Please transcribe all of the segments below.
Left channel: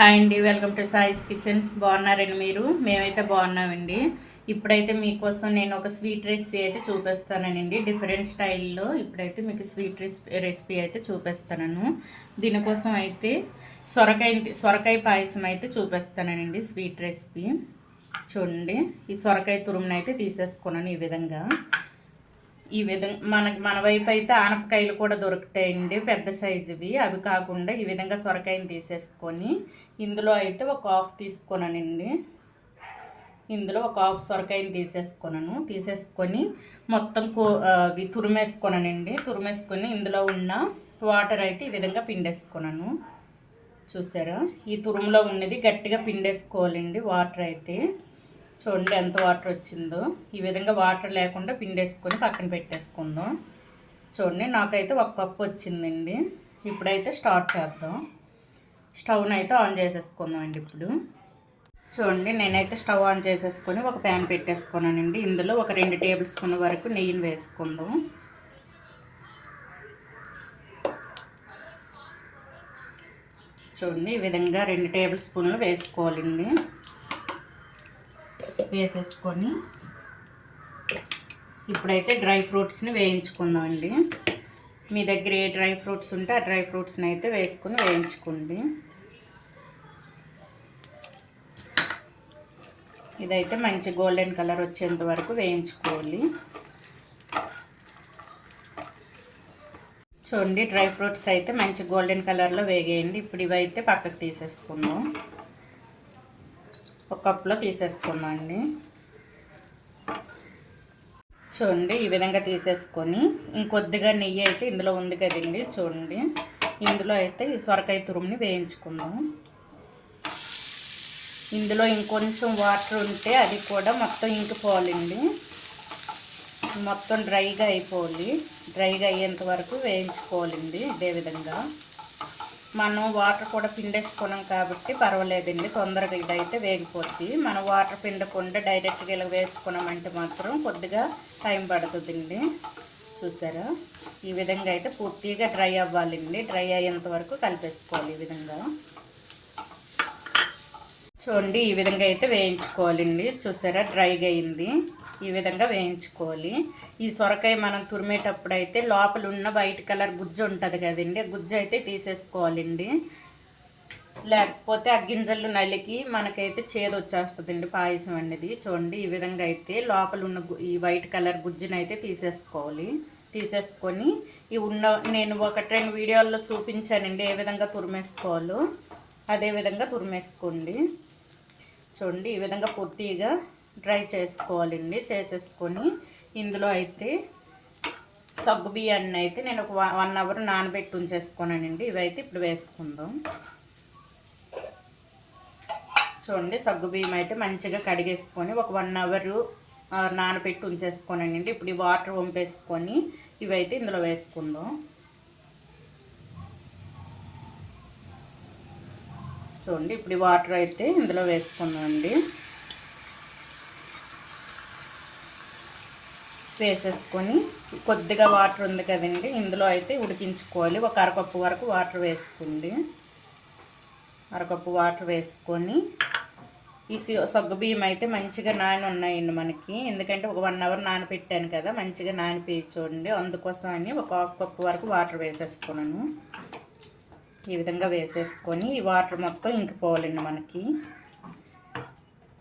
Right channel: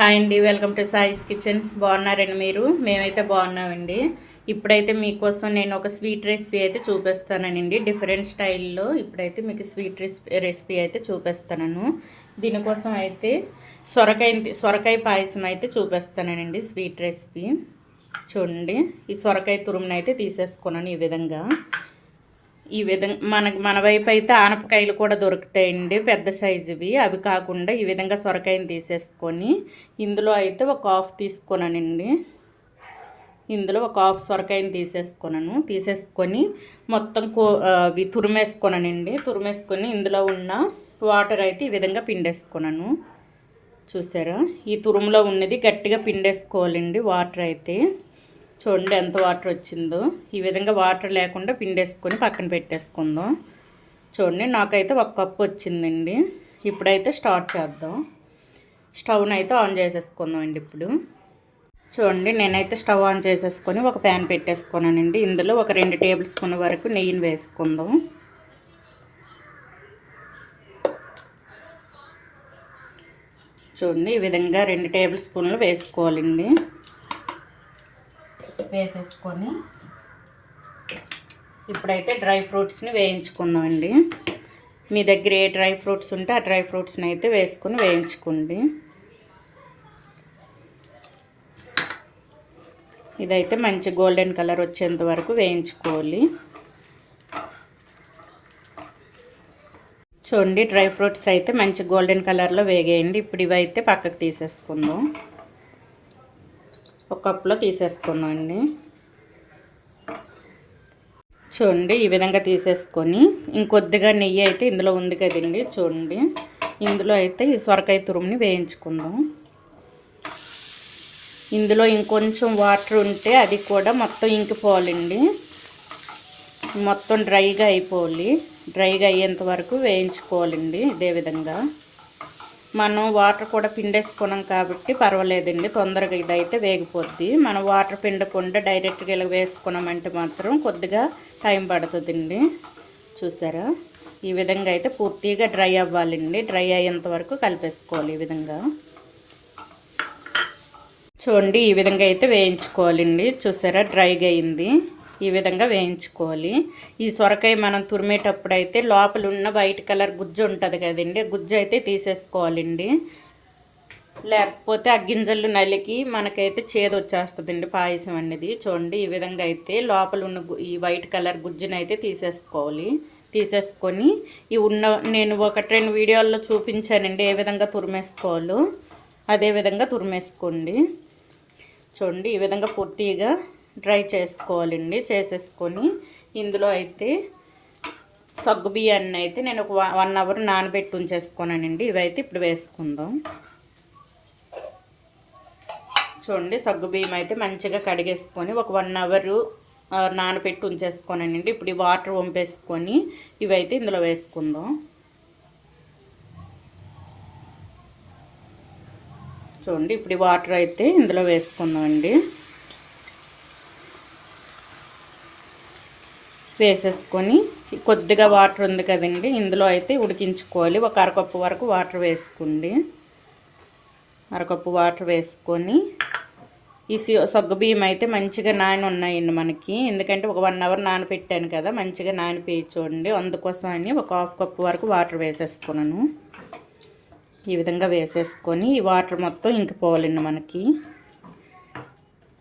Hi అండి welcome to సాయిస్ kitchen. బాగున్నారండి మీరు? మేమైతే బాగున్నామండి. ఇప్పుడైతే మీకోసం నేను ఒక స్వీట్ రెసిపీ అయితే చూపిస్తానండి. డిఫరెంట్ స్టైల్లో ఇప్పుడైతే మీకు స్వీట్ రెసిపీ రెసిపీ అయితే చూపిస్తాను దీనికోసం అయితే సొరకాయ సొరకాయ పాయసం అయితే చూపిస్తానండి స్వీట్ రెసిపీ. చూడండి ఈ సొరకాయ తురుమును అయితే తీసేసుకున్నాను ఈ విధంగా. ఈ విధంగా మన మన వైపు అయితే ఆనపకాయలు కూడా దొరుకుతాయండి పెద్ద సైజువి. అవి కాకుండా ఈ విధంగా సొరకాయని తీసేసుకొని ఇందులో అయితే ఒక హాఫ్ తీసుకున్నానండి ఇందులో ఒక హాఫ్ సొరకాయని తీసేసుకున్నాను తీసేసుకొని మొత్తం కో అవి తురిమేసుకున్నానండి తురిమేసుకొని ఇందులో ఉన్న వాటర్ అయితే ఈ విధంగా పిండేసుకున్నాను చూసారా? ఈ తురుములో ఉన్నది గట్టిగా పిండేసుకోవాలండి వాటర్ అయితే. చూడండి ఎంత వాటర్ వచ్చిందో. ఈ విధంగా వాటర్ లేకుండా పిండేసుకొని పక్కన పెట్టేసుకుందాం. చూడండి నాకైతే ఒక కప్పు వచ్చిందండి. ఇప్పుడైతే స్టార్ట్ చేద్దాం. స్టవ్ని అయితే ఆన్ చేసేసుకుందాం అండి ఇప్పుడు. చూడండి నేనైతే స్టవ్ ఆన్ చేసేసుకొని ఒక ప్యాన్ పెట్టేసుకున్నానండి. ఇందులో ఒక రెండు టేబుల్ స్పూన్ వరకు నెయ్యిని వేసుకుందాం. చూడండి ఈ విధంగా రెండు టేబుల్ స్పూన్లు వేసుకోవాలండి. వేసేసుకొని ఇప్పుడైతే డ్రై ఫ్రూట్స్ని వేయించుకుందామండి. మీ దగ్గర ఏ డ్రై ఫ్రూట్స్ ఉంటే ఆ డ్రై ఫ్రూట్స్ని అయితే వేసుకొని వేయించుకోండి. ఇదైతే మంచి గోల్డెన్ కలర్ వచ్చేంత వరకు వేయించుకోవాలి. చూడండి డ్రై ఫ్రూట్స్ అయితే మంచి గోల్డెన్ కలర్లో వేగేయండి. ఇప్పుడు ఇవైతే పక్కకు తీసేసుకుందాం. ఒక కప్లో తీసేసుకుందాం అండి చూడండి ఈ విధంగా తీసేసుకొని ఇంకొద్దిగా నెయ్యి అయితే ఇందులో ఉంది కదండి చూడండి. ఇందులో అయితే ఈ సొరకాయ తురుముని వేయించుకుందాం. ఇందులో ఇంకొంచెం వాటర్ ఉంటే అది కూడా మొత్తం ఇంకిపోవాలండి. మొత్తం డ్రైగా అయిపోవాలి. డ్రైగా అయ్యేంత వరకు వేయించుకోవాలండి ఇదే విధంగా. మనం వాటర్ కూడా పిండేసుకున్నాం కాబట్టి పర్వాలేదండి తొందరగా ఇదైతే వేగిపోద్ది. మనం వాటర్ పిండకుండా డైరెక్ట్గా ఇలా వేసుకున్నామంటే మాత్రం కొద్దిగా టైం పడుతుందండి. చూసారా? ఈ విధంగా అయితే పూర్తిగా డ్రై అవ్వాలండి. డ్రై అయ్యేంత వరకు కలిపేసుకోవాలి ఈ విధంగా. చూడండి ఈ విధంగా అయితే వేయించుకోవాలండి. చూసారా? డ్రైగా అయింది. ఈ విధంగా వేయించుకోవాలి. ఈ సొరకాయ మనం తురిమేటప్పుడు అయితే లోపల ఉన్న వైట్ కలర్ గుజ్జు ఉంటుంది కదండి గుజ్జు అయితే తీసేసుకోవాలండి. లేకపోతే ఆ గింజలు నలికి మనకైతే చేదు వచ్చేస్తుందండి పాయసం అనేది. చూడండి ఈ విధంగా అయితే లోపల ఉన్న ఈ వైట్ కలర్ గుజ్జునైతే అయితే తీసేసుకోవాలి. తీసేసుకొని ఈ ఉన్న నేను ఒకటి రెండు వీడియోల్లో చూపించానండి ఏ విధంగా తురిమేసుకోవాలో. అదే విధంగా తురిమేసుకోండి. చూడండి ఈ విధంగా పూర్తిగా డ్రై చేసుకోవాలండి చేసేసుకొని ఇందులో అయితే సగ్గు బియ్యాన్ని అయితే నేను ఒక వన్ అవర్ నానబెట్టి ఉంచేసుకున్నానండి. ఇవైతే ఇప్పుడు వేసుకుందాం. చూడండి సగ్గు బియ్యం అయితే మంచిగా కడిగేసుకొని ఒక వన్ అవర్ నానబెట్టి ఉంచేసుకోనండి ఇప్పుడు ఈ వాటర్ వంపేసుకొని ఇవైతే ఇందులో వేసుకుందాం. చూడండి ఇప్పుడు ఈ వాటర్ అయితే ఇందులో వేసుకుందామండి వేసేసుకొని కొద్దిగా వాటర్ ఉంది కదండి ఇందులో అయితే ఉడికించుకోవాలి. ఒక అరకప్పు వరకు వాటర్ వేసుకోండి. అరకప్పు వాటర్ వేసుకొని ఈ సొగ్గ బియ్యం అయితే మంచిగా నాని ఉన్నాయండి మనకి. ఎందుకంటే ఒక వన్ అవర్ నానపెట్టాను కదా మంచిగా నానిపోయి చూడండి అందుకోసం అని ఒక హాఫ్ కప్పు వరకు వాటర్ వేసేసుకున్నాను. ఈ విధంగా వేసేసుకొని ఈ వాటర్ మొత్తం ఇంకిపోవాలండి మనకి.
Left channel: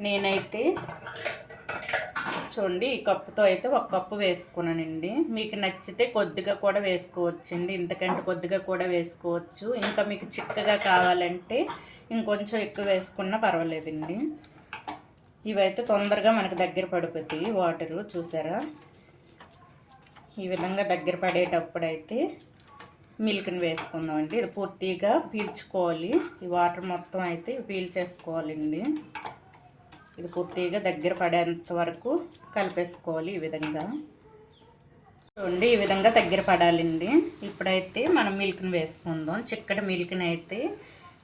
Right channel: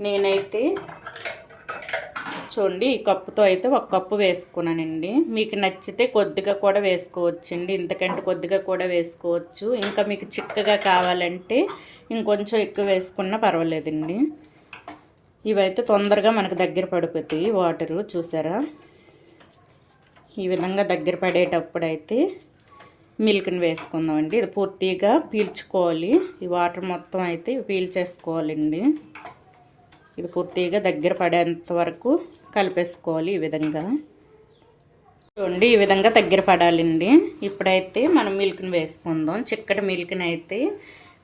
నేనైతే చూడండి ఈ కప్పుతో అయితే ఒక కప్పు వేసుకున్నానండి. మీకు నచ్చితే కొద్దిగా కూడా వేసుకోవచ్చండి. ఇంతకంటే కొద్దిగా కూడా వేసుకోవచ్చు. ఇంకా మీకు చిక్కగా కావాలంటే ఇంకొంచెం ఎక్కువ వేసుకున్నా పర్వాలేదండి. ఇవైతే తొందరగా మనకు దగ్గర పడిపోతాయి వాటరు చూసారా? ఈ విధంగా దగ్గర పడేటప్పుడు అయితే మిల్క్ని వేసుకుందామండి. ఇది పూర్తిగా పీల్చుకోవాలి. ఈ వాటర్ మొత్తం అయితే పీల్చేసుకోవాలండి ఇది పూర్తిగా దగ్గర పడేంత వరకు కలిపేసుకోవాలి ఈ విధంగా. చూడండి ఈ విధంగా దగ్గర పడాలండి. ఇప్పుడైతే మనం మిల్క్ని వేసుకుందాం. చిక్కటి మిల్క్ని అయితే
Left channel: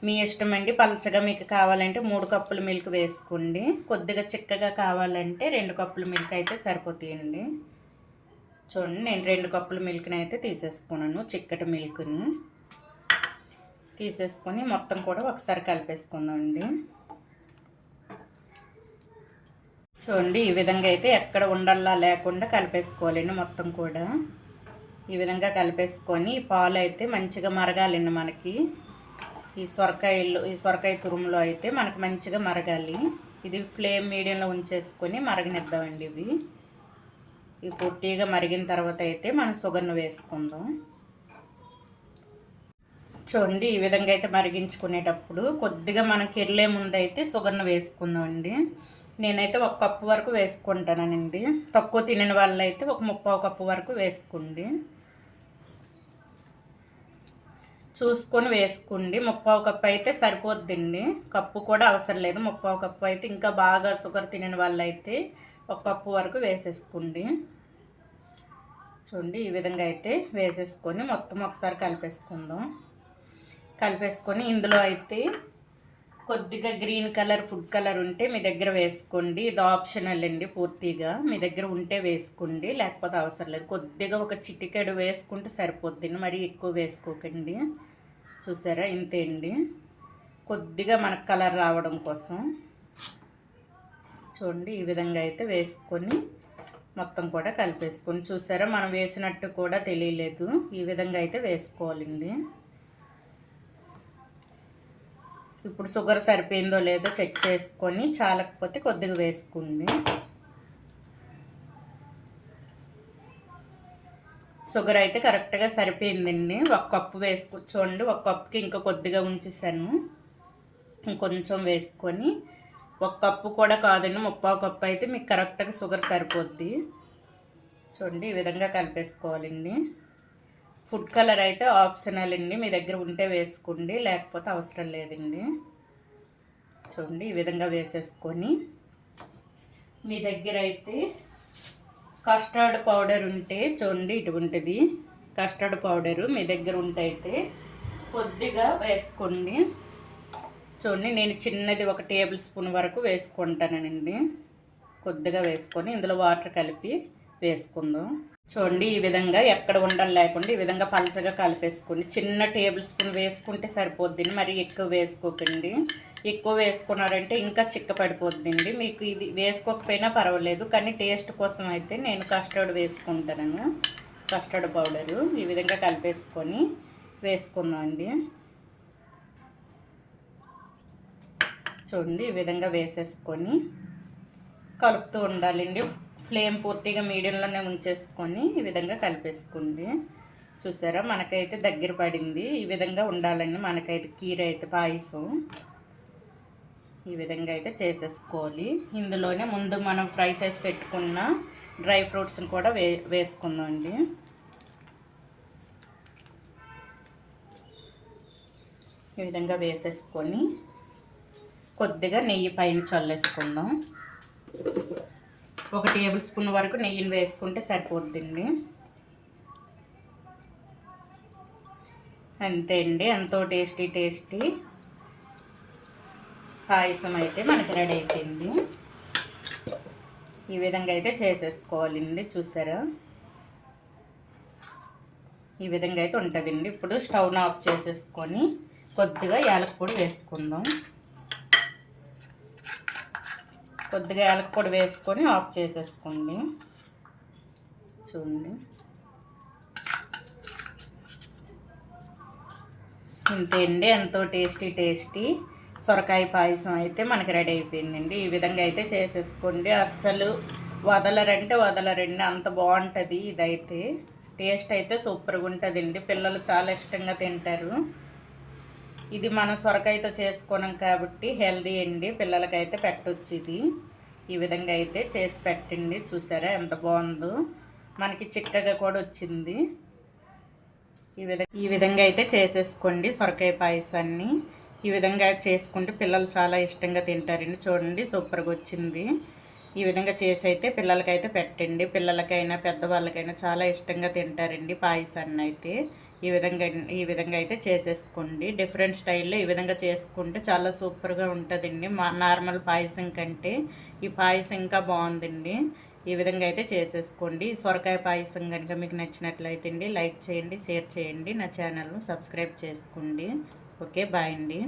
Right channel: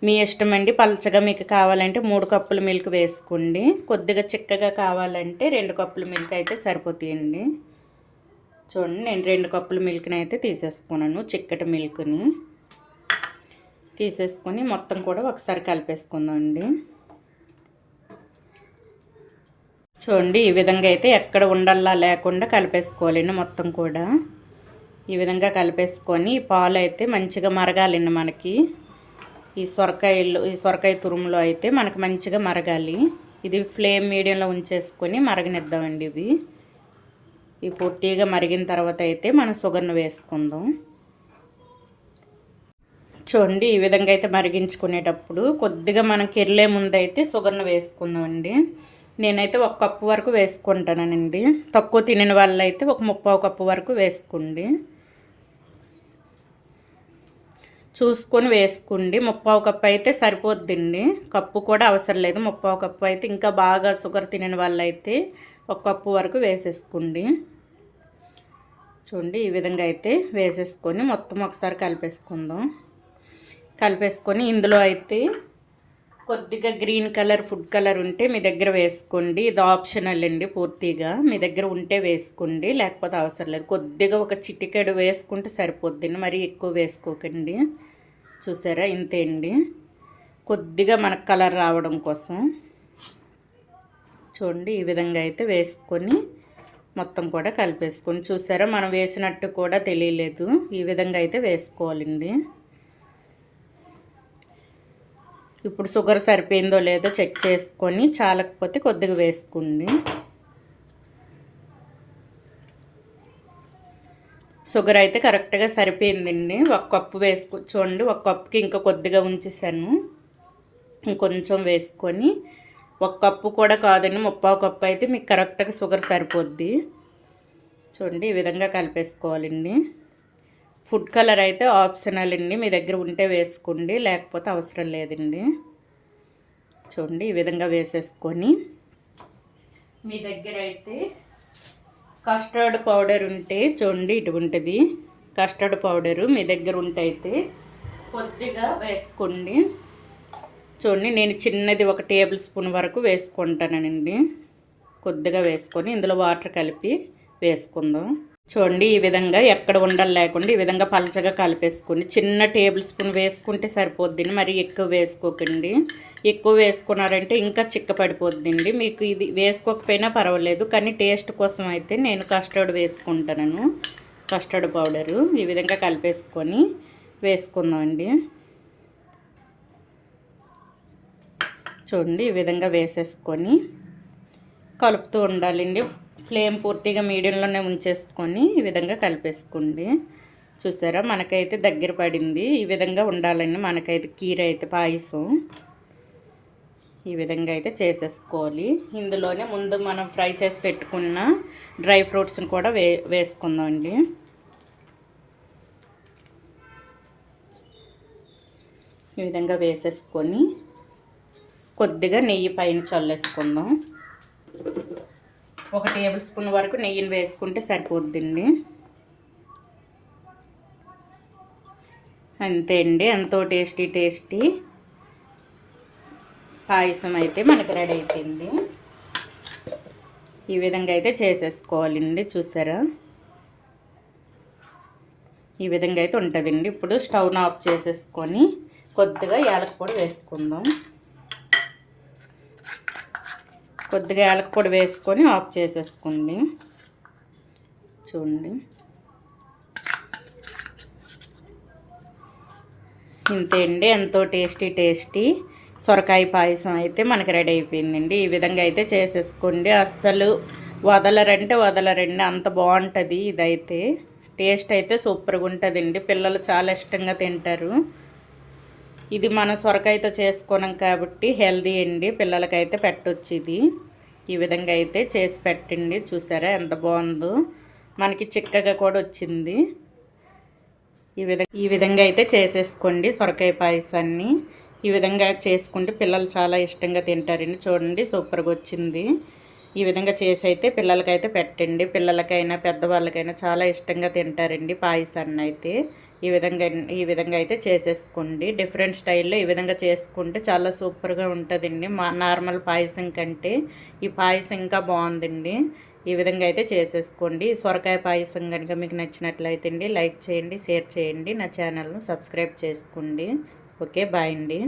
మీ ఇష్టం అండి. పలచగా మీకు కావాలంటే మూడు కప్పుల మిల్క్ వేసుకోండి. కొద్దిగా చిక్కగా కావాలంటే రెండు కప్పుల మిల్క్ అయితే సరిపోతాయండి. చూడండి నేను రెండు కప్పుల మిల్క్ని అయితే తీసేసుకున్నాను చిక్కటి మిల్క్ని. తీసేసుకొని మొత్తం కూడా ఒకసారి కలిపేసుకుందాం అండి చూడండి ఈ విధంగా అయితే ఎక్కడ ఉండల్లా లేకుండా కలిపేసుకోవాలండి మొత్తం కూడా. ఈ విధంగా కలిపేసుకొని ఈ పాలు అయితే మంచిగా మరగాలండి మనకి. ఈ సొరకాయలు ఈ సొరకాయ తురుములో అయితే మనకి మంచిగా మరగాలి. ఇది ఫ్లేమ్ మీడియంలో ఉంచేసుకొని మరగనిద్దామండి ఇవి. ఇవి పూర్తిగా మరిగిన తర్వాత అయితే మనం షుగర్ను వేసుకుందాం. చూడండి ఈ విధంగా అయితే మరిగించుకునేటప్పుడు కొద్దిగా మనం కెర్లే ముందు అయితే షుగర్ను వేసుకుందామండి. నేనైతే ఒక కప్పు వరకు వేసుకుంటానండి. తక్కువ తినని వాళ్ళు అయితే ఒక ముప్పావు కప్పు వరకు వేసుకోండి. చూసుకొని వేసుకోండి. ముప్పావు కప్పు అయితే సరిపోద్దండి. కప్పు కూడా అవసరం లేదు. ముప్పావు కప్పు అయితే ఇంకా బాగా షుగర్ తినని వాళ్ళు అయితే ఒక కప్పు వరకు వేసేసుకోండి. చూడండి ఈ విధంగా అయితే వేసేసుకొని మొత్తం ఒకసారి కలిపేసుకుందాం. కలిపేసుకొని ఇందులో అయితే కొద్దిగా గ్రీన్ కలర్ ఫుడ్ కలర్ ఉంటే మీ దగ్గర వేసుకోండి. ఇది ఆప్షనల్ అండి పూర్తిగా. మీ దగ్గర ఉంటే వేసుకోండి లేకపోతే అవసరం లేదు. కొద్దిగా ఒక చిటికెడు వేసుకుంటే సరిపోద్ది మరి ఎక్కువ వేసుకోకండి. చూసారా? ఇంతే అండి. కొద్దిగా మనకు కలర్ రావడం కోసం చూడండి. ఈ విధంగా అయితే వేసుకొని మొత్తం కూడా కలిపేసుకొని చూసారా? మనం వేసినట్టు కూడా తెలియలేదు. ఈ విధంగా అయితే వేసుకోవాలండి. ఇప్పుడు షుగర్ సరిపోయిందో లేదో చెక్ చేసుకొని చాలకపోతే కొద్దిగా వేసుకోండి. షుగర్ అయితే కరెక్ట్గా సరిపోయిందండి. ఒక కప్పు వేసుకో చూడండి ఒక కప్పుకి ఇంకా కొద్దిగా ఉంచేసాను. ఇంకొంచెం వేసుకొని ఒక కప్పు కూడా కాదండి ముప్పావు కప్పు అయితే మీకు కరెక్ట్గా షుగర్ సరిపోద్ది. చూడండి ఈ విధంగా కలిపేసుకోవాలండి. ఫుడ్ కలర్ అయితే ఆప్షనల్ అండి. మీ దగ్గర ఉంటే వేసుకోండి లేకపోతే అవసరం లేదండి. చూడండి ఈ విధంగా వేసేసుకొని. మీ దగ్గర అయితే కస్టర్డ్ పౌడర్ ఉంటే చూడండి ఇటువంటిది కస్టర్డ్ పౌడరు మీ దగ్గర ఉంటే అయితే కొద్దిగా వేసుకోండి. చూడండి నేను చిన్నది ఒక టేబుల్ స్పూన్ వరకు వేసుకుంటానండి. కొద్దిగా వేసుకొని ఇందులో వాటర్ కలిపి వేసుకుందాం. చూడండి ఈ విధంగా ఎక్కడ ఉండలు లేకుండా ఈ విధంగా పలచగా కలిపేసుకోండి చిన్న టేబుల్ స్పూన్ వేసుకుంటే సరిపోద్ది మరి ఎక్కువ వేసుకోకండి. ఎక్కువ వేసుకున్నారంటే ఇంకా చిక్క పడిపోద్దండి మీకు ఇది వేసుకోకపోయినా పర్వాలేదు కానీ టేస్ట్ కోసం అయితే నేను కస్టర్డ్ వేసుకుంటాను కస్టర్డ్ పౌడరు ఈ విధంగా కలిపేసుకొని వేసుకుందామండి. చూడండి ఈ విధంగా వేసేసుకొని కలుపుతూ ఉండాలండి. ఫ్లేమ్ పూర్తిగా మీడియంలోనే ఉంచేసుకొని ఈ విధంగా కలిపేసుకోండి. చూసారా? మనకైతే దగ్గర పడింది. ఈ విధంగా ఉండాలని మనకైతే కీర అయితే పాయసం ఈ విధంగా అయితే చేసేసుకోవాలి. ఇందులోనే ముందు మనం ఫ్రై చేసి పెట్టుకున్న డ్రై ఫ్రూట్స్ని కూడా వే వేసుకుందామండి. ఈ విధంగా వేసేసుకొని కొద్దిగా నెయ్యి పైన చల్లేసుకుందాం. ఒక టేబుల్ స్పూన్ వరకు నెయ్యిని వేసుకుంటే సరిపోద్దండి. అంతే అండి ఎంతో టేస్టీ టేస్టీ. పాయసం అయితే మనకి రెడీ అయిపోయింది. ఈ విధంగా అయితే చేసేసుకోవాలండి చూసారా? ఈ విధంగా అయితే ఉంటుందండి. ఇప్పుడు స్టవ్ను ఆఫ్ చేసేసుకొని కొద్దిగా యాలక వేసుకుందాం. కొద్దిగా యాలక పొడి వేసుకొని ఆఫ్ చేసేసుకోండి. చూడండి. ఇంతే అండి ఎంతో టేస్టీ టేస్టీ సొరకాయ పాయసం అయితే మనకి రెడీ అయిపోయిందండి. ఈ విధంగా అయితే చేసేసుకోండి. అస్సలు వదలరంటే వదలరండి. అంత బాగుంటుంది ఇదైతే. టేస్ట్ అయితే సూపర్గా ఉంటుందండి. పిల్లలు చాలా ఇష్టంగా తింటారు. ఇది మనం సొరకాయతో చేసుకున్నాం కాబట్టి హెల్దీ అండి. పిల్లలకైతే పెట్టొచ్చు ఇది ఈ విధంగా అయితే చేసి పెట్టండి. చూసారా ఎంత బాగుందో. మనకి చిక్కగా కూడా వచ్చింది. ఈ విధంగా ఈ విధంగా అయితే చేసేసుకోండి సొరకాయ పాయసాన్ని. ఈ విధంగా చేసుకుంటే పిల్లలు చాలా ఇష్టంగా తింటారండి. చూడండి సూపర్గా వచ్చింది. ఈ విధంగా చేసి అయితే పిల్లలకైతే పెట్టండి. పిల్లలకైనా పెద్దవాళ్ళకైనా చాలా ఇష్టంగా తింటారండి పాయసాన్ని అయితే. ఈ విధంగా ఈ విధంగా అయితే చేసేసుకోండి. డిఫరెంట్ స్టైల్లో ఈ విధంగా చేసుకుంటే చాలా సూపర్గా ఉంటుందండి. మా నార్మల్ పాయసం కంటే ఈ పాయసం ఇంకా బాగుందండి. ఈ విధంగా అయితే చేసేసుకోండి. సొరకాయ పాయసం కనుక మీకు నచ్చినట్లయితే అండి లైక్ చేయండి షేర్ చేయండి. నా ఛానల్ను సబ్స్క్రైబ్ చేసుకోండి. ఓకే బాయ్ అండి.